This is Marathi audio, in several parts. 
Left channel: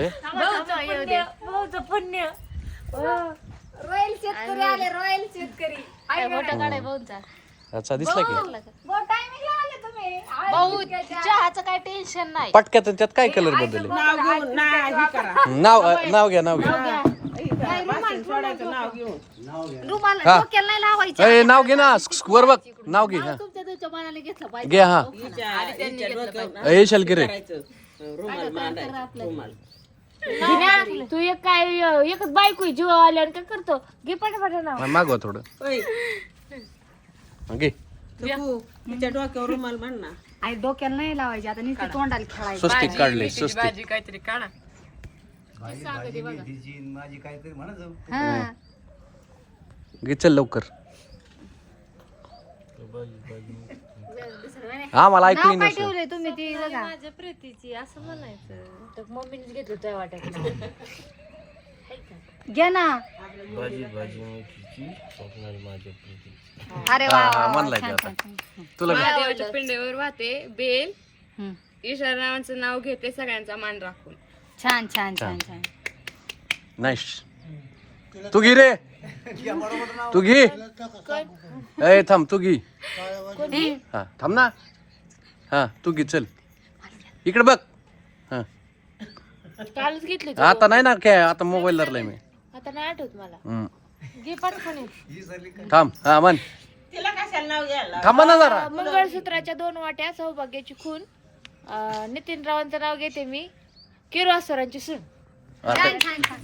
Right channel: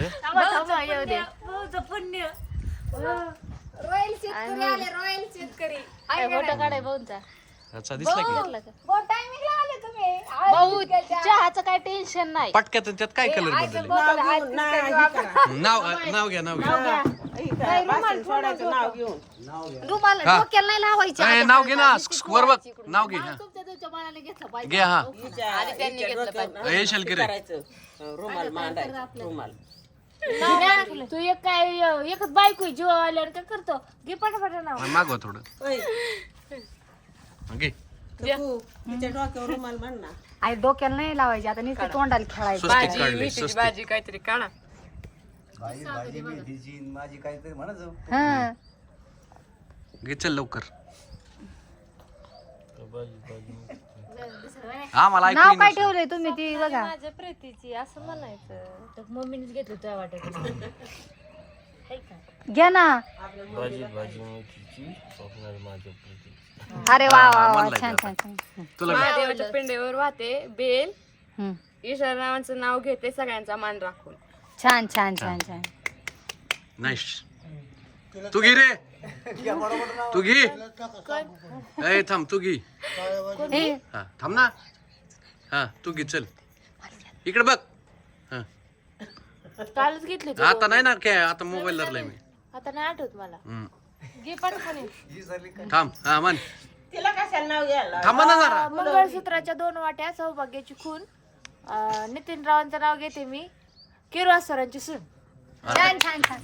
भाऊचं पुण्य रॉयल शेतकरी आले रॉयल शेतकरी. फोटो काढाय भाऊंचा. अच्छा दिसला की? बहुत टायमिंगला आले तुम्ही. भाऊ चहाचं काय टेन्शन नाही. पटक्यात त्यात काय कलर बदलले? नाव नाव घ्या नाव घ्या. रुमाला हा. डोक्याला नाही लावायचे. अय नाव घे ना स- वर बघ नाव घे हा. तुमच्या तुमच्या मनाने घेतलं पाहिजे. घे हा. अय शलकिरे रुमाल मांडायचा रुमाल. तू एक काय एकच बायको आहे, जीव आल्यावर काय करतो? घे पटापट नाव मागवा थोडं. ओय, हा, घे. तिच्या डोक्यावर रुमाल बांध ना. आई डोक्याला नाही लावायचे आता नुसते तोंडाला खेळायचं. स्वस्तिक काढले स्वस्तिक. हा. घे चल लवकर. हा मला ऐकू नाव काय. ठेवलंय तुम्ही ती बघा. माझ्या प्रीतीची असं म्हणायचं. मम्मीनेच घेतलं वाटत घ्या ना. अरे वा हा, वा, हा, वा, म्हणलाय छान, ते छान, आता. छान. तुला. महादेवाच्या पिंडेवर वाहते बेल. हम्म. ईश्वर नावाचं नाव घेते सगळ्यांचा मान राखून. छान छान छान छान. नाईस तू घे रे. तू घे. ए थांब तू घे. हा थांब ना. हा तू घे चल. इकडे बघ. हा. कालच घेतली आता नाही ना काय आता मोबाईल धरलाय मी. आता नाही आठवत मला. हम्म. घे पटकन. थांब हा म्हण. थांबा ना जरा. मंगळसूत्राच्या दोन वाट्या सौभाग्याची खून. अं, नितीन रावांचं नाव घेते मी. किरवासरांची सून. आता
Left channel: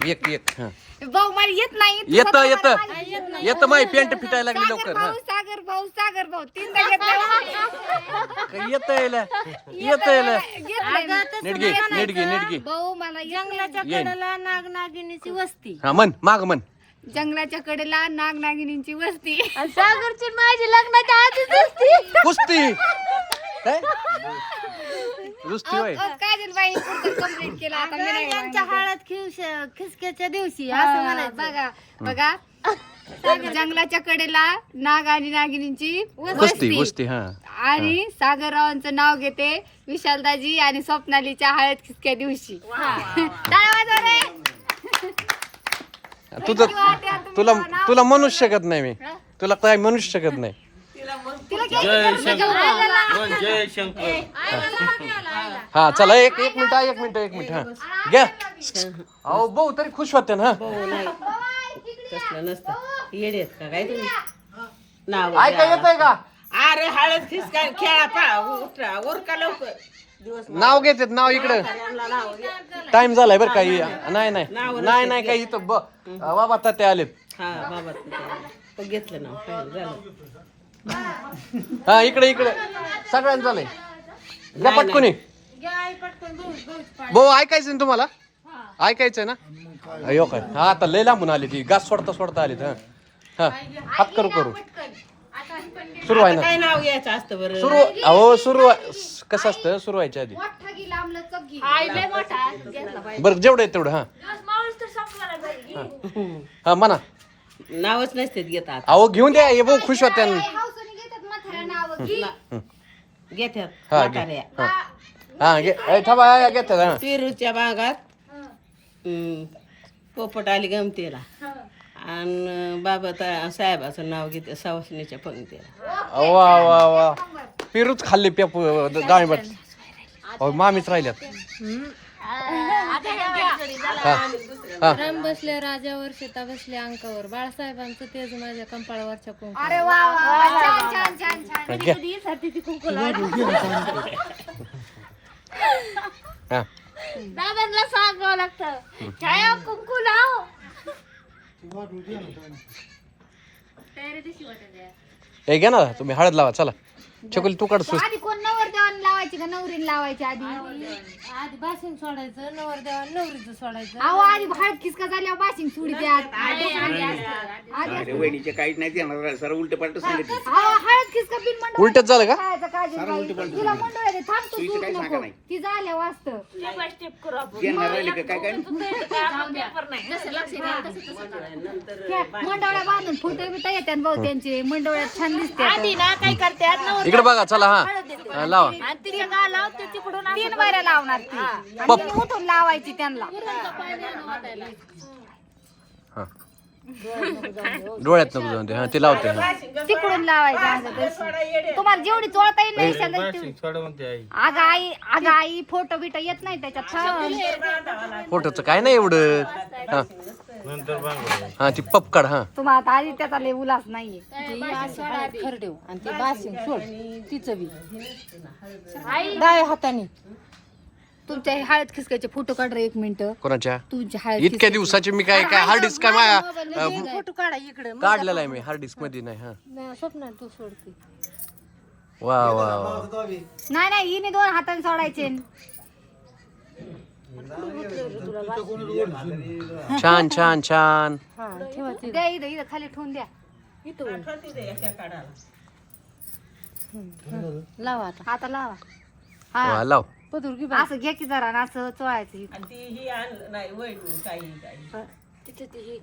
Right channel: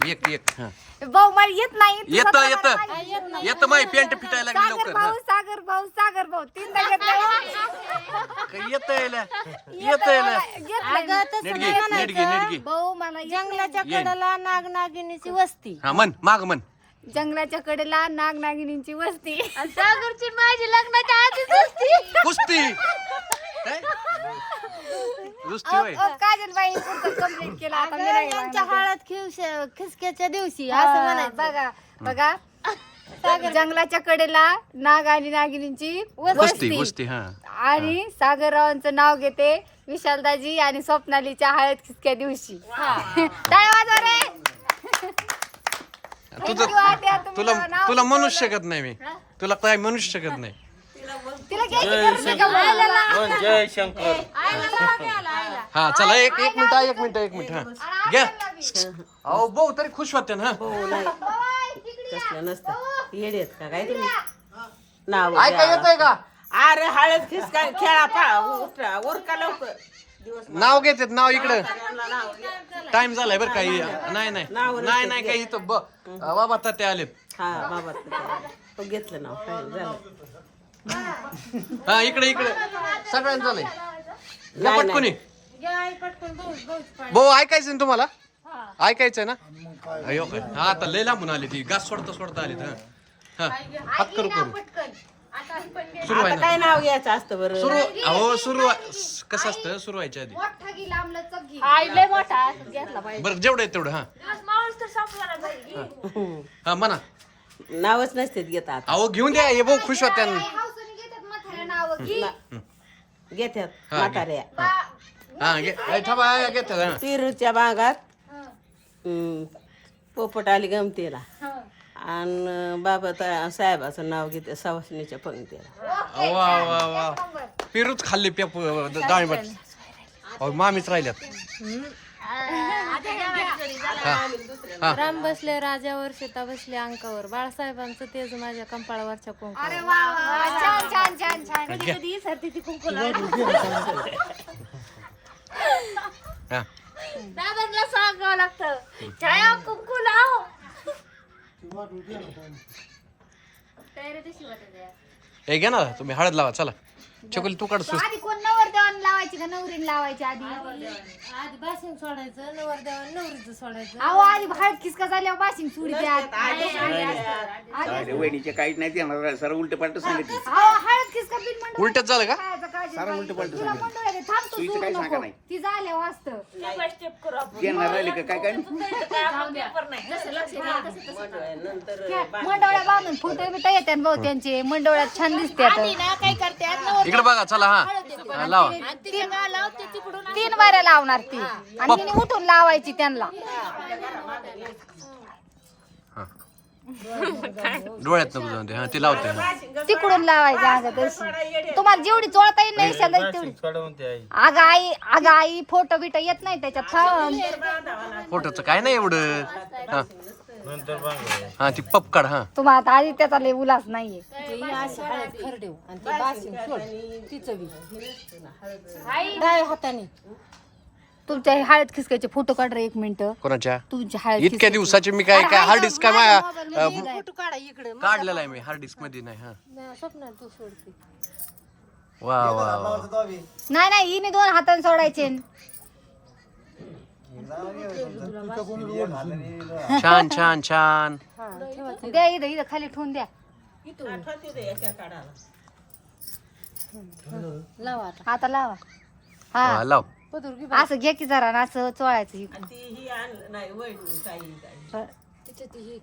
एक एक हा. भाऊ मला येत नाही तू येत येत. माहिती. येत माही पेंट फिटायला लागली सागर लवकर हा. भाऊ सागर भाऊ सागर भाऊ तीनदा हो. काय येत यायला येत यायला घेतलंय मी. नीट घे नीट घे नीट घे भाऊ मला जंगलाच्या येईन. नाग नागिनीची वस्ती. हा म्हण माग म्हण. जंगलाच्या कडेला नाग नागिनींची वस्ती सागरची माझी लग्नाच्या आधीच वस्ती. कुस्ती. काय? नुसती होय अहो, काजलबाई पुढचं कंप्लीट केलं आता मी नाही त्यांच्या म्हणते. हळद खिवश खिसक्याच्या दिवशी असं म्हणायचं. बघा बघा. जंगलाच्या कडेला नाग आणि नागिनींची वस्ती. कुस्ती हा. आणि सागररावांचं नाव घेते विशालदाजी आणि स्वप्नालीच्या हळद खिसक्या दिवशी. टाळ्या वाजवा रे. तुझं तुला तुला म्हणूच शकत नाही मी. तुला काय म्हणूच शकत नाही? हा चला एक एक मिनिट एक मिनिट एक मिनिट हा. घ्या. अहो भाऊ तरी खुश होते ना. हा हो नाही. तसलं नसतं. येडेत का काय तुम्ही? नाव ऐका येत आहे का? अरे हळद फिसका खेळा पळा उठा उरका लवकर. नाव घेतात नाव इकडं. टाइम झालाय बरं काही नाही नाही. नाही नाही काही इथं ब- बाबा तात्या आलेत. हा बाबा. तो घेतलं नाव. झालं. हा इकडे इकडे. सगळ्यांचं झालंय. घ्या पटकुनी. भाऊ ऐकायचं ना तुम्हाला? ऐकायचंय ना? अयो काय. हा आता लय लांबून आली ती. गास सोडता सोडता आली हा. हा हात करू करू. सुरू आहे ना? काय नाव घ्यायचं असतं बरं? सुरू अहो सुरू कसं असतं? सुरू व्हायच्या आधी. बरं जेवढं आहे तेवढं हा. हा. म्हणा. नावच नसतात घेतात अहो घेऊन द्या. हे भाऊ खुश होत्या. घेतात हा. म्हाताऱ्या. हा. हा घे. ऐ, थांबा घेतात हा. पेरूच्या बागात पोपट आली गमतीला. आणि बाबा ता- साहेबाचं नाव घेते सवासणीच्या पंक्तीला वा वा वा. पेरूच खाल्ले पेप डाळिंबट अहो मामीच राहिल्यात. हा. हा. राम बसले राजावर सीता बसले अंकावर. बाळासाहेबांचं तेज माझ्या कंपाळावरच्या कुंकू. अरे वा वा वा छान छान छान छान. घ्या. कधी साठी ती कुंकू हा. दादांना सांगावं लागतं. छाया कुंकू लाव. हे घ्या ना तुम्ही हळद लावा चला. चकुली तू काढ सुस. आधी कोण नवर देवान लावायची का? नवरीन लावायची आधी? आधी बासिंग सोडायचं नवर देवा नवरीचं सोडायचं. अहो आधी हळद खिसका झाल्यावर बाशिंग सुडी द्या. वहिनीचे काहीच नाही सर उलट पालट सांगितलं. अहो हळद खिसका बिन मंडळ उलटच झालं का? खायचं काजलबाई. तिला मंडळ आहे, थांब तू सोडू नको. ती झाल्या वाचत देणार राहिले का? काय काय? मंडवळ्या बांधून फोटो बिटो येतात भाऊ त्यांचे. मंडवळ्यात छान दिसते आधी ना काय नवर इकडे बघा चला हा. हा, लावा. तीन बाऱ्या लावणार ती. आणि तिने उठून लावायची त्यांना. हा. डोळ्यात नको जाऊन दे. हा ते लावते हा. तिकडून लावायचं. तुम्हाला जेवढी चोळता येईल नाही तेवढी. अगं आई अगं आई फोटो बिटो येत नाही त्याच्यात. थांब. फोटोचं काय नाही एवढं. हा. हा ती पपकाड हा. तुम्हाला आता आधी त्याचा लय उलास नाहीये. तुमच्या हळद खिसकायचे फोटो काढ रे एक मिनिट. कोणाच्या? तुमच्या हळद इतक्या दिवसाचे मी काय काय हार्ड डिस्क काय माझ्या काढलेला आहे मी हार्ड डिस्कमध्ये नाही हा. वा वा वा. नाही नाही हिने दोन हाताने सोडायचे. छान छान छान. द्या इथं इथं खाली ठेवून द्या. आता. लावा. हा. लाव. असं घे की जरा आणि असं चोळायचं इकडं. ही आण नाही वैडून काही काही.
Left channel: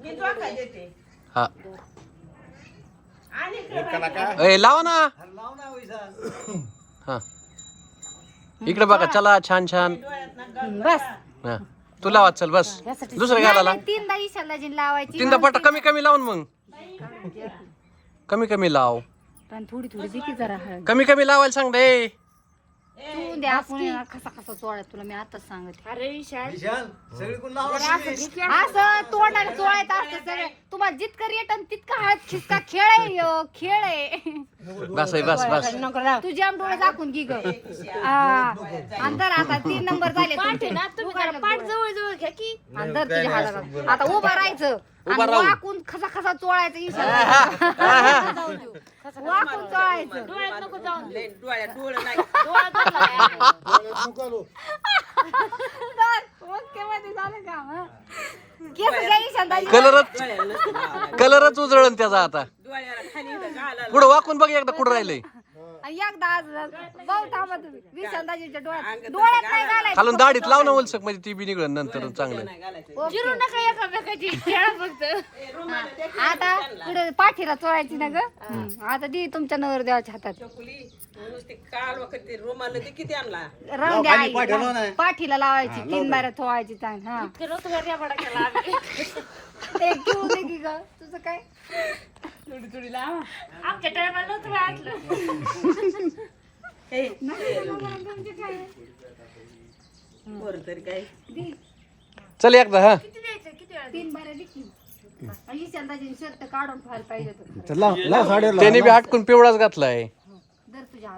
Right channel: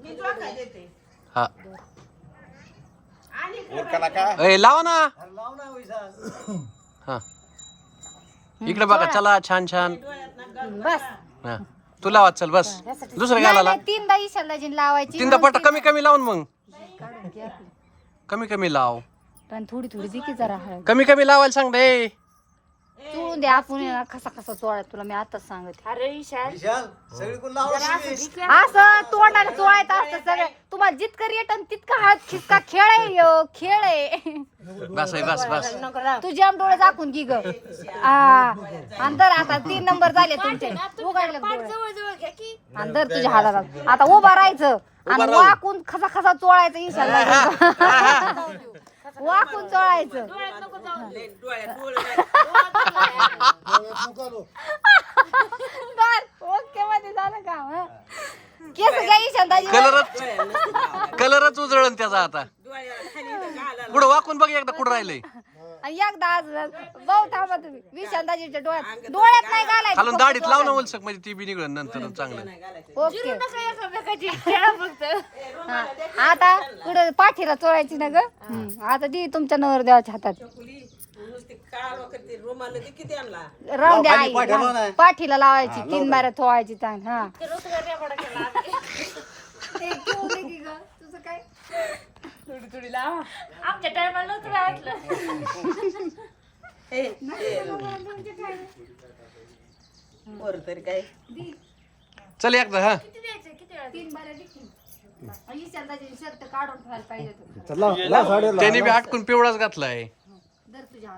मी धोका देते. हा. का? ए लावा ना. हा. इकडे बघा चला. छान छान. हा. तू लावा चल बस. दुसरं घालाला नाही, तीनदा लावायची. तीनदा पट्टा कमी कमी लावून मग. कमी कमी लाव. पण थोडी थोडी दे जरा हळद. कमी कमी लावायला सांग दे तू द्या कसा कसा चोळाय तुला मी आताच सांगत. अरे विशाल. असं तोंडाने चोळायचं असतं सगळं. तुम्हाला जितकं रेटन तितकं हात खिसका खेळ आहे ह्यो, खेळ आहे. बस बस बस. तू जाम डोळे दाखवून घे ग. अंतर आता तीन नंबर झाले तुमचे. उघडले डोळे. जवळ जवळ घ्या की. अंतर तुझ्या हाताला. आता उभा राहायचं. आणि वाकून खसा खसा चोळायचं इशारा वाकून चोळायचं डोळ्यात डोळ बर, ओके मध्ये झालं का हं? केस घ्या इशांताजी. कलरच कलरच उजळण त्याचा आता. डोळ्याला खाली इथं घाला पुढं वाकून बघ एकदा कुठं राहिलंय. एकदा थांबा तुम्ही. डोळ्यात डोळ्यात नाही घालायचं. खालून दाढीत लाव ना वलसक म्हणजे ती बी निघण नंतर चांगलं. ओके. नका एकामेकाची खेळा फक्त. आता पुढे पाठीला चोळायची ना ग. आता दी तुमच्या नवर देवाच्या हातात. ते राहून द्या आई. हा. पाठीला लावायची तीन बाऱ्या थोवायची ताण हा. एक घेऊन दे की ग. तुझं काय? आमच्या टायमाला नव्हतं तरी काय? चल एकदा हा. किती द्यायचं? किती वेळा तीन बाऱ्या शर्ट काढून ठेवायला पाहिजे होतं. त्याने बी हटकून पिवळाच घातलाय. धर तुझ्या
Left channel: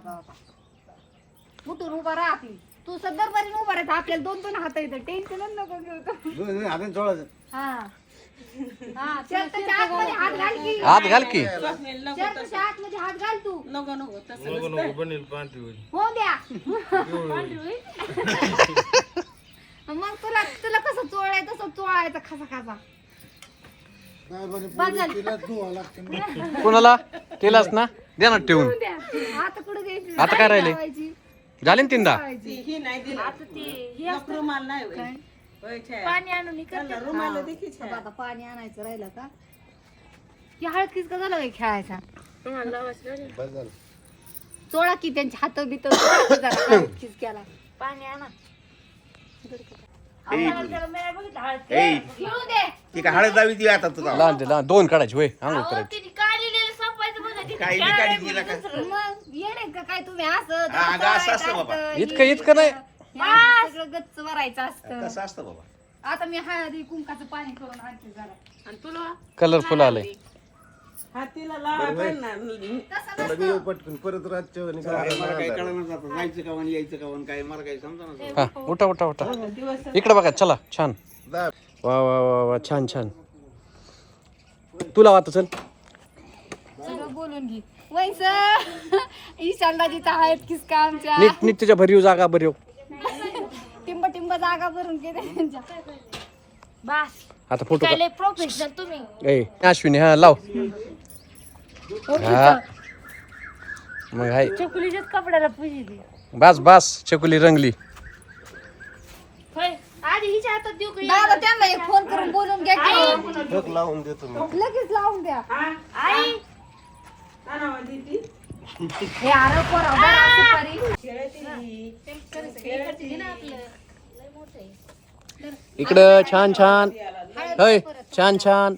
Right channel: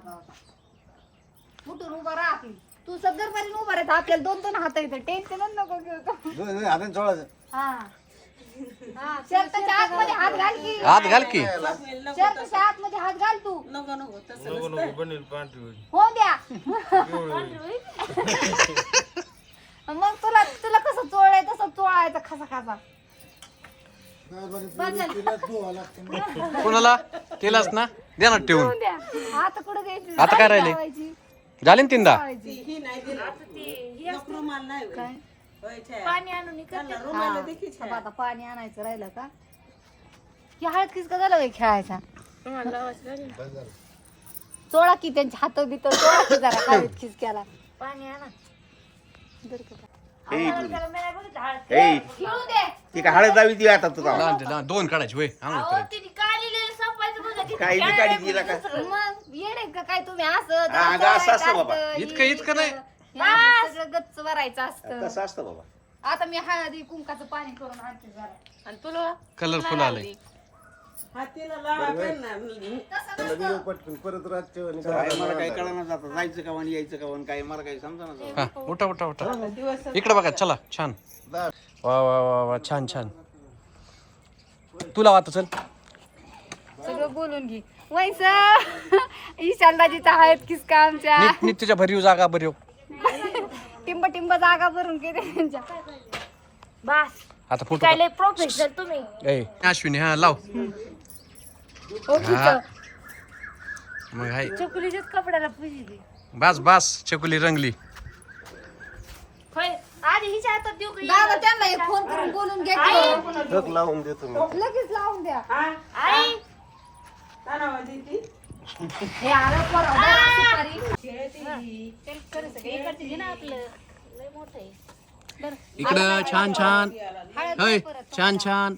उठून उभा राहा आपली तू सदर बरी उभा राहायचं आपल्याला दोन दोन हात येतं टेन्शनच नको घेऊ. तू. हा हा. शर्टाच्या आतमध्ये हात घाल की. हात घाल की. शर्टाच्या आतमध्ये हात घाल तू. नको नको तसं हो द्या. मग तुला तुला कसं चोळाय तसं चोळायचं खसा खसा. कोणाला? तेलाच ना? देणार ठेवून. आता कुठं द्यायची? आता काय राहिले. झाले ना तीनदा? ही नाही दिली. एक रुमाल नाही होय. होय छाया. पाणी आणून इकडे त्यांना रुमाल देखी आता आता पाणी आणायचं राहिलं का? की हळद किसका झालं काय खेळायचा? चोळा की त्यांचे हात बित चोळा की जरा हळद खिसक्याला पाणी आणा. आम्हाला बघितलं हळद. घेऊन दे. ती काय हळद लावी ती आता तुला लहान ते लहान दोन काढायचे होय. आंघोळ अहो, करायची. तिने काढलेलं सापायचं बघा तिथे काही बी काढी दिला का? मग येडे का काय तुम्ही असं हा, असं असतं बाबा. असतं, इतकं इतकं नाही. हे सगळं गच्च भरायचं असतं. कसं असतं बाबा? आता मी हळदी कुंकाचं पाणी करून आणते जरा. आणि तुला कलरफुल आलंय. हातीला लावा पण ना तसं नसतं. काय मला काही कळलं जातं जायचं का आणि यायचं का आणि काय मला काही समजा ना हा उठा उठा उठा. इकडे बघा चला छान. वा वा वा वा छान छान. तुला वाटत चल? सगळं बोलून घे. वैसा ईशानदाजीचा हळद किसका आमच्या? नीट नीट तुझ्या भरीव जागा भरीव. टिंब टिंब जागा भरून घे त्यांच्या. बास. आता फोटो काय लय प्रोफेशनल तुम्ही. ए अश्विनी हा लाव. हा मग हाय. चकुलीच्याच कपड्याला पुजी बास बास चकुली रंगली. होय आधी हिच्या हातात देऊ का दादा त्यांना एक फोन करून बोलून घ्या की. लावून देतो लगेच लावून द्या. आई. ती हे अरे पोरा बरं सुपारी चल, कर सगळं. इकडचं घे ना आपलं लय मोठं आहे इकडं छान छान होय छान छान.